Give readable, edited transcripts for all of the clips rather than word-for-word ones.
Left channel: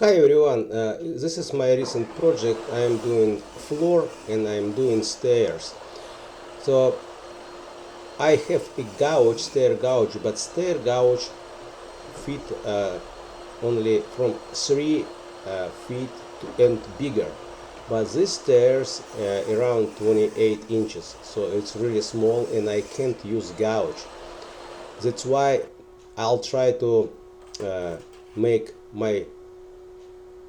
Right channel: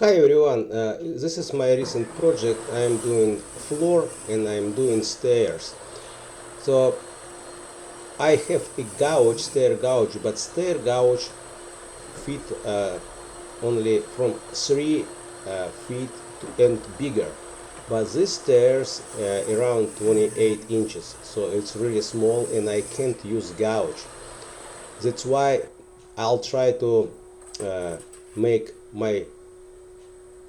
Hi everyone, this is my recent project. I am doing floor and I am doing stairs. So I have a gouge, stair gouge, but stair gouge fit only from 3 feet and bigger. But these stairs around 28 inches, so it's really small and I can't use gouge. That's why I'll try to make my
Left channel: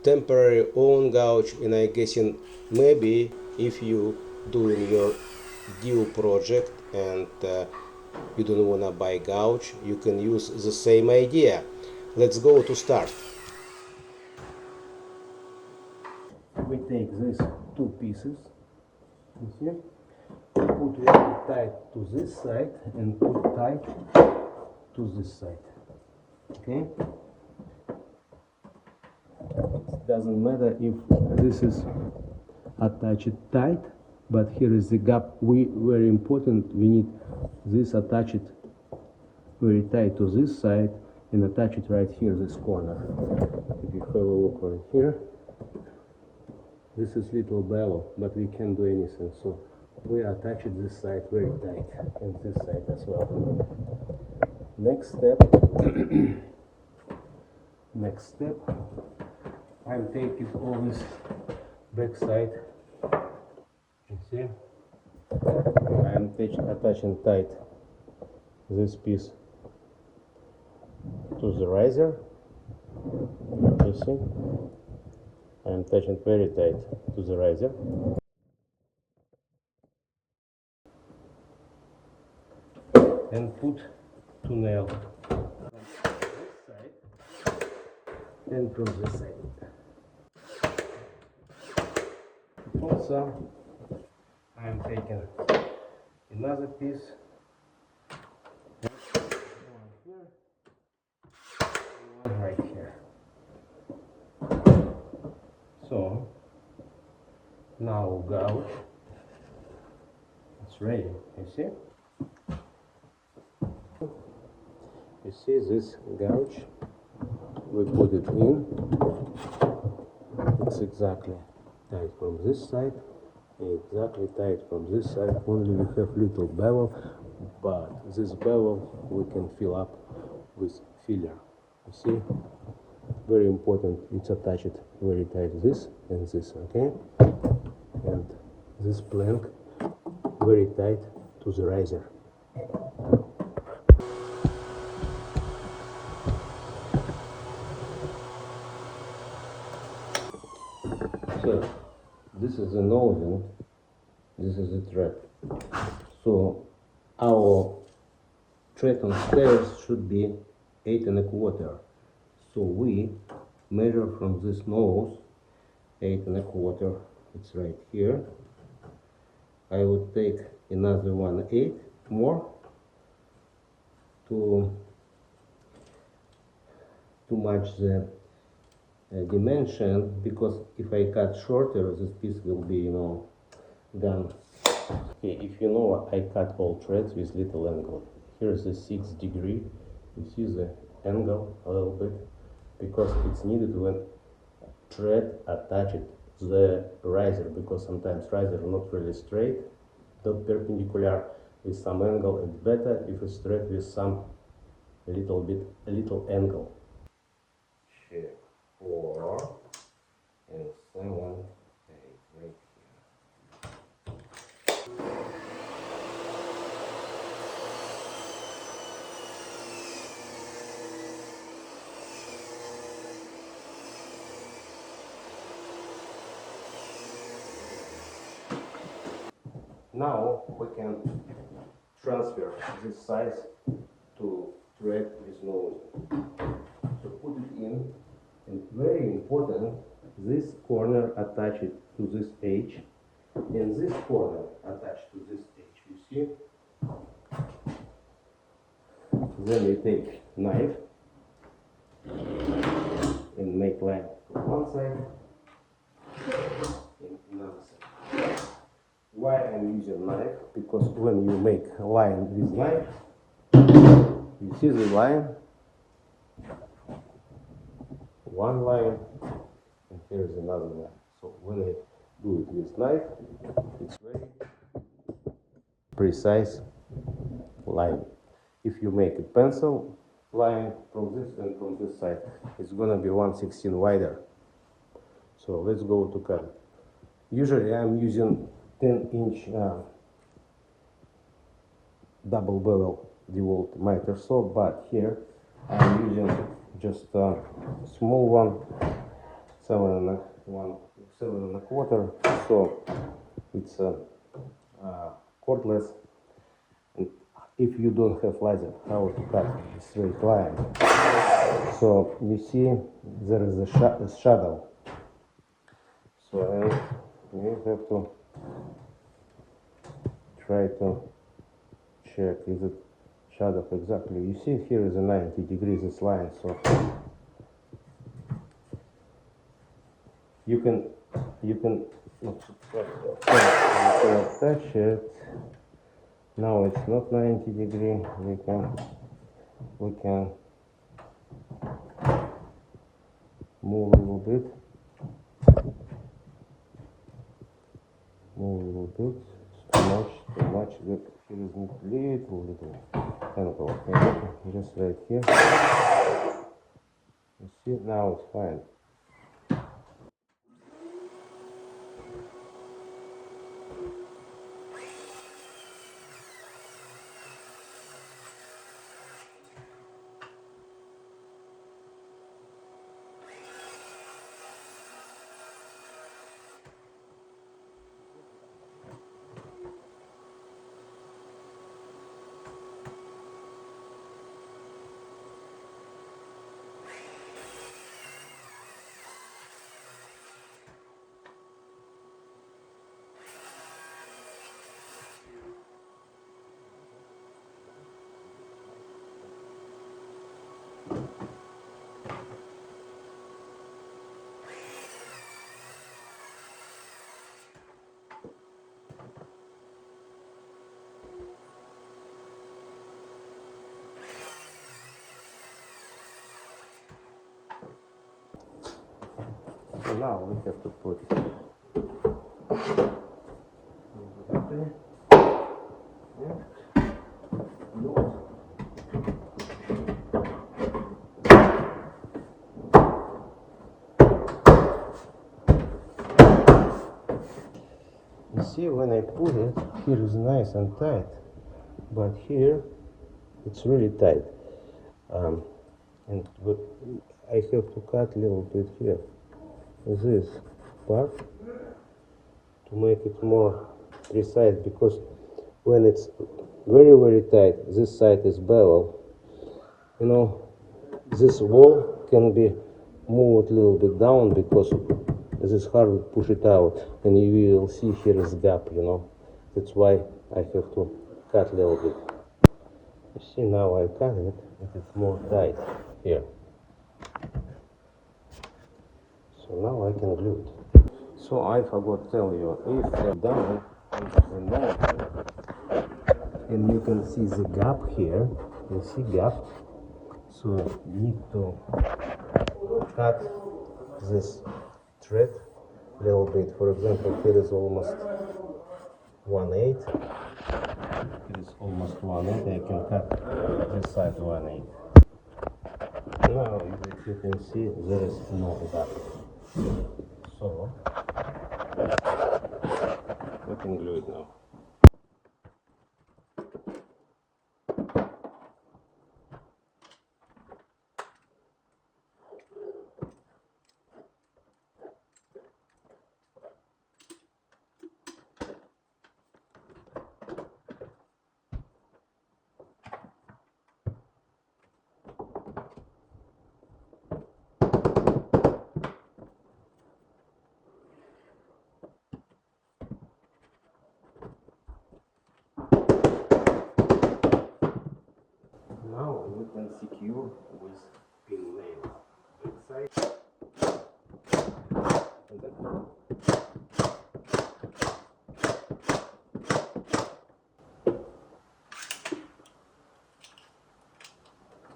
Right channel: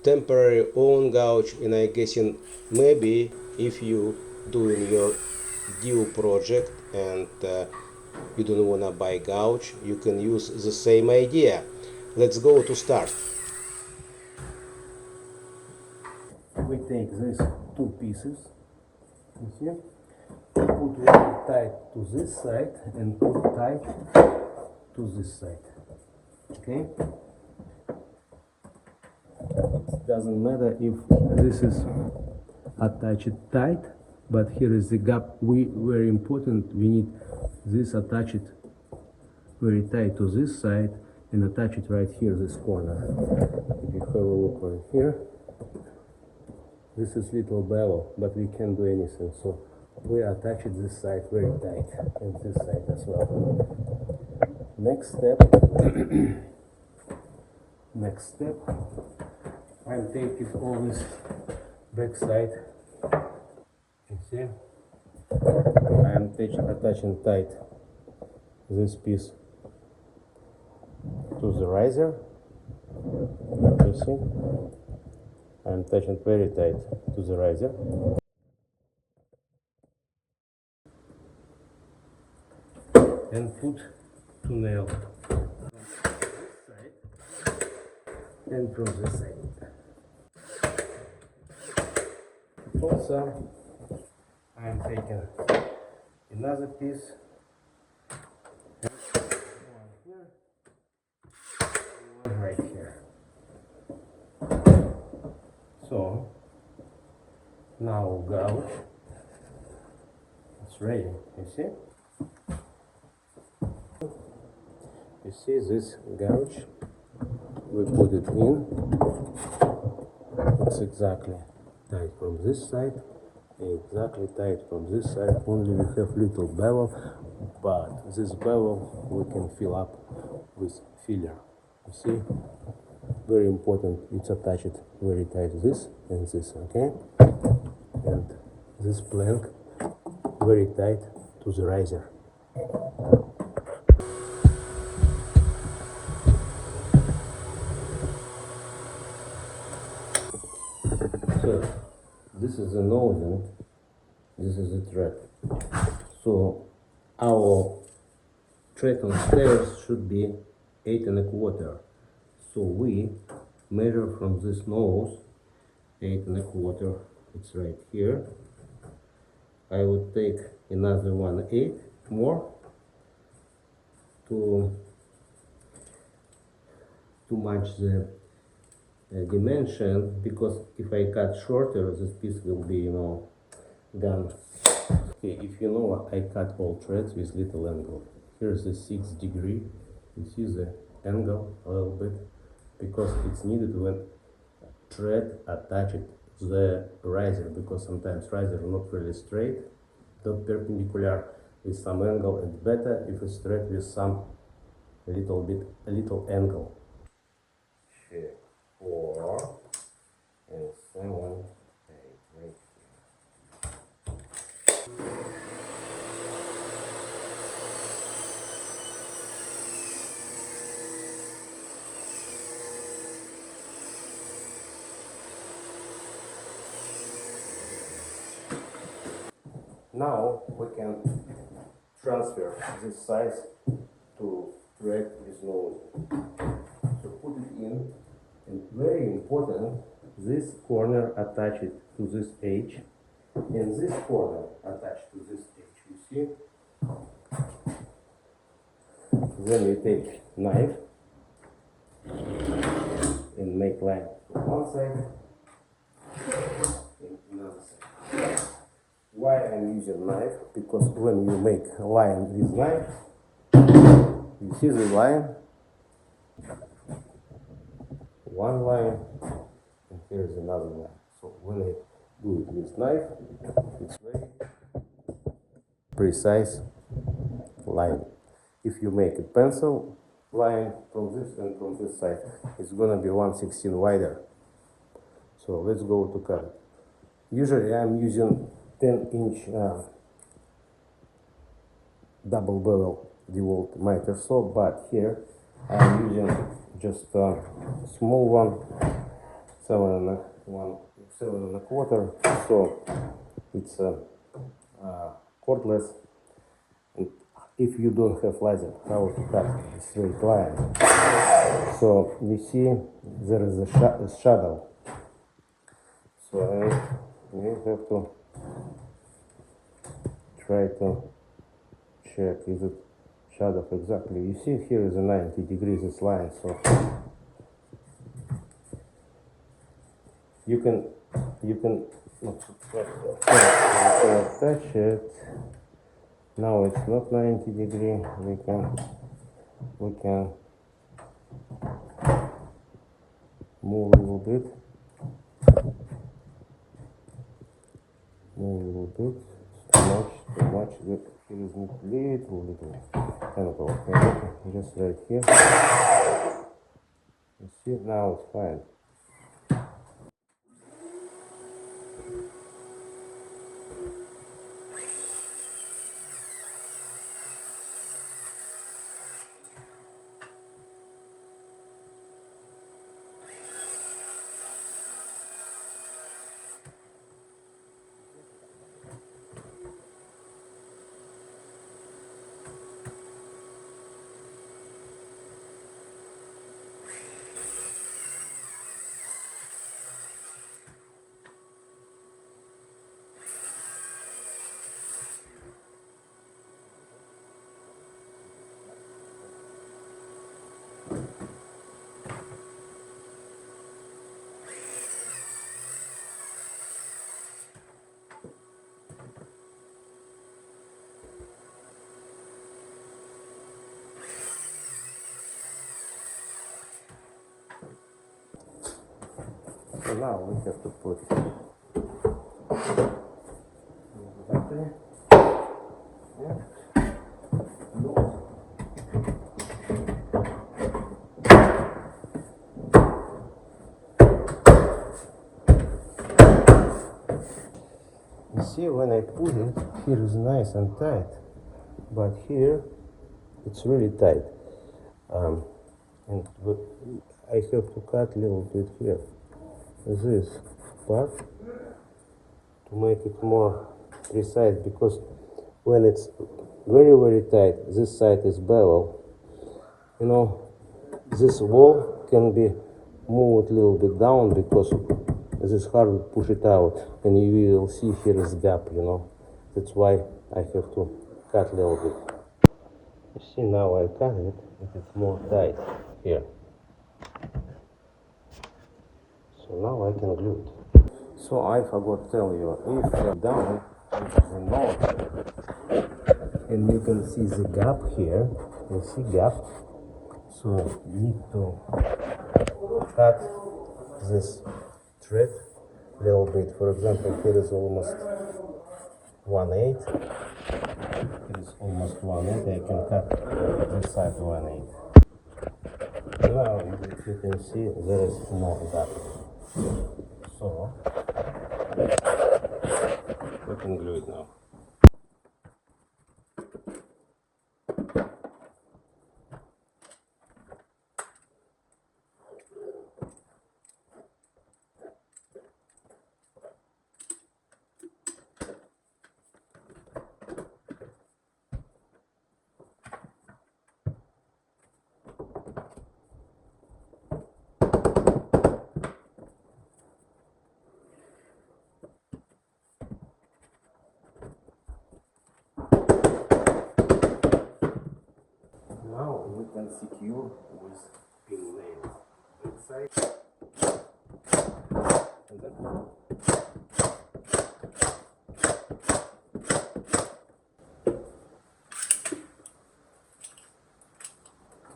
temporary own gouge, and I guessing maybe if you doing your due project and you don't wanna buy gouge, you can use the same idea. Let's go to start. We take these two pieces, you see, put one tight to this side and put tight to this side, okay? It doesn't matter if this is attached tight, but here is the gap. Very important, we need this attached very tight to this side and attach it right here, this corner. If you have a look right here, this is little bevel, but we can't do anything, so we attach it this side very tight and this side as well. Next step, I'm taking all this back side, you see, I am attaching tight this piece to the riser, you see, I am attaching very tight to the riser. And put two nails from this side and from this side. Also, I am taking another piece, one here, one right here. So now gouge, it's ready, you see? You see this gouge, we put it in, it's exactly tight from this side, exactly tight from this side, only we have little bevel, but this bevel we can fill up with filler, you see, very important, it's attached very tight, this and this, okay, and this plank very tight to the riser. So this is the nose, this is the tread. So our tread on stairs should be 8 1/4. So we measure from this nose 8 1/4. It's right here. I would take another 1/8 more to match the dimension, because if I cut shorter, this piece will be, gone. Okay, if you know, I cut all threads with little angle. Here's the 6 degree. You see the angle a little bit, because it's needed when thread attached to the riser, because sometimes riser are not really straight, not perpendicular, with some angle. It's better if it's straight with some a little angle. 4 and 7, 8 right here. Now we can transfer this size to thread with nose. So put it in. And very important, this corner attached to this edge, and this corner attached to this edge, you see? Then you take knife and make line from one side and another side. Why I'm using knife? Because when you make a line with knife, you see the line, one line, here's another line. So when I do it with knife, it's very precise line. If you make a pencil line from this and from this side, it's gonna be 1/16 wider. So let's go to cut it. Usually I'm using 10-inch double bevel DeWalt miter saw, but here I'm using just a small one, 7.25. So it's cordless. And if you don't have laser, how to cut a straight line? So you see there is a shadow. So you have to try to check is it shadow exactly. You see here is a 90 degrees this line, so you can attach it. Now it's not 90 degree. We can move a little bit. Too much. Here is little angle. Okay, just right here. You see, now it's fine. So now we have to put battery. You see, when I put it, here is nice and tight, but here it's really tight. But I have to cut a little bit here, this part, to make it more precise, because when it's very tight, this side is bevel. You know, this wall can be moved a little bit down because this hardwood push it out, and you will see here is gap. You know, that's why I have to cut a little bit. You see, now I cut it, it's more tight here. So now I can glue it. So I forgot to tell you, if down the nose, and you can see the gap here, you see gap, so you need to cut this thread a little bit. For example, here is almost 1/8. It is almost 1/8. I can cut this side 1/8. Now, if you can see, there is more gap. So we can glue it now. Now you can secure with pin nails inside, and then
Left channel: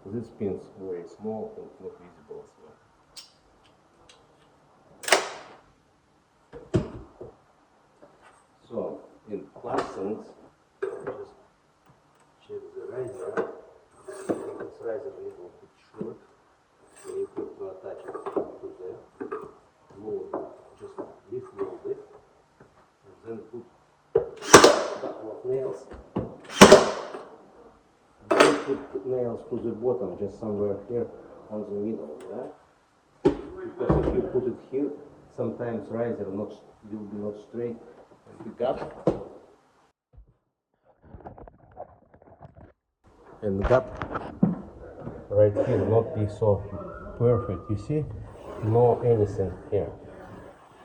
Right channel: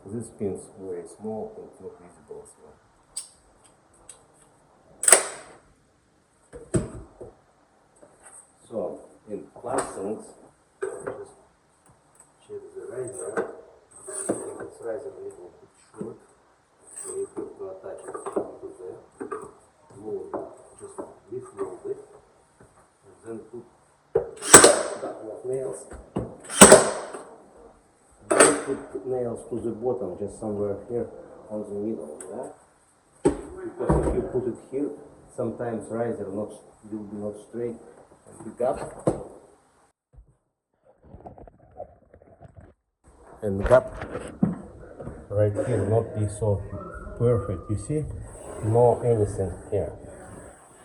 this pin is very small and not visible as well. distance. Just check the riser. It's riser a little bit short, so you have to attach it to the mold. Just defloat it, and then put a couple of nails. Then put nails to the bottom, just somewhere here on the middle. Yeah? Because if you put it here, sometimes riser will be not straight and pick up. And the gap right here not be so perfect. You see, no anything here,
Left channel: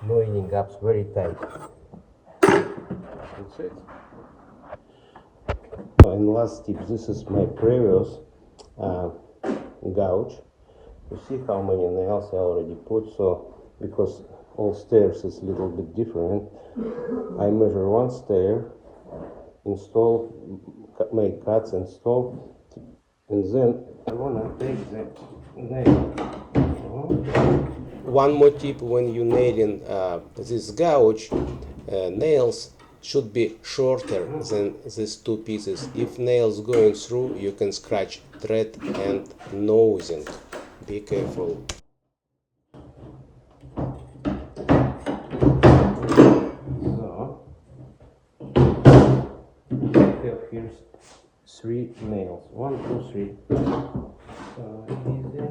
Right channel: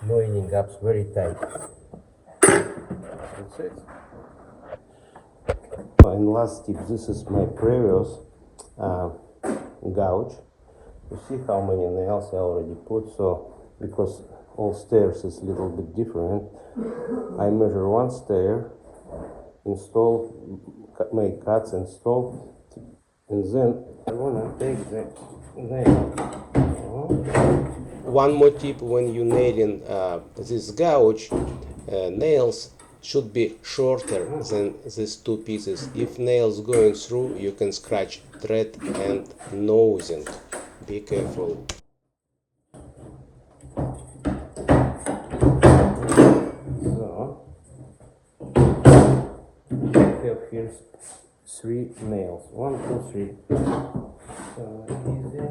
no any gaps, very tight. That's it. And last tip, this is my previous gouge. You see how many nails I already put. So because all stairs is a little bit different, I measure one stair, install, make cuts, install, and then I want to take the nail. One more tip: when you nailing this gouge, nails should be shorter than these two pieces. If nails going through, you can scratch thread and nosing. Be careful. Here's 3 nails. 1, 2, 3. So easy.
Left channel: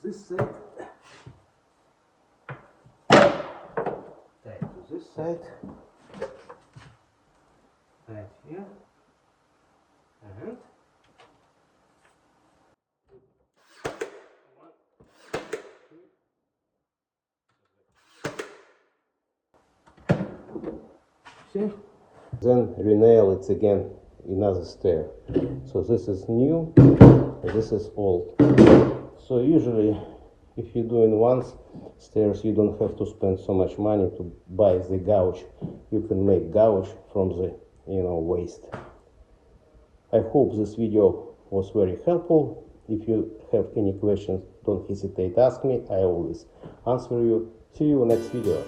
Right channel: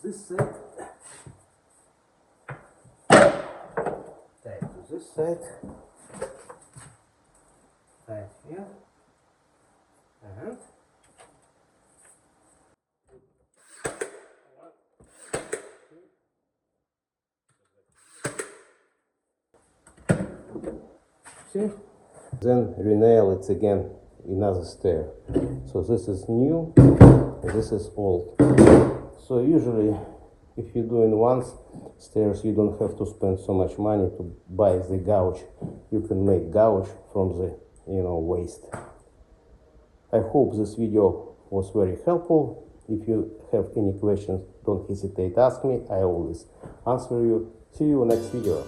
This side, tight to this side, tight here, and see? Then renail it again, another stair. So this is new, this is old. So usually, if you're doing once stairs, you don't have to spend so much money to buy the gouge. You can make gouge from the waste. I hope this video was very helpful. If you have any questions, don't hesitate to ask me. I always answer you. See you next video.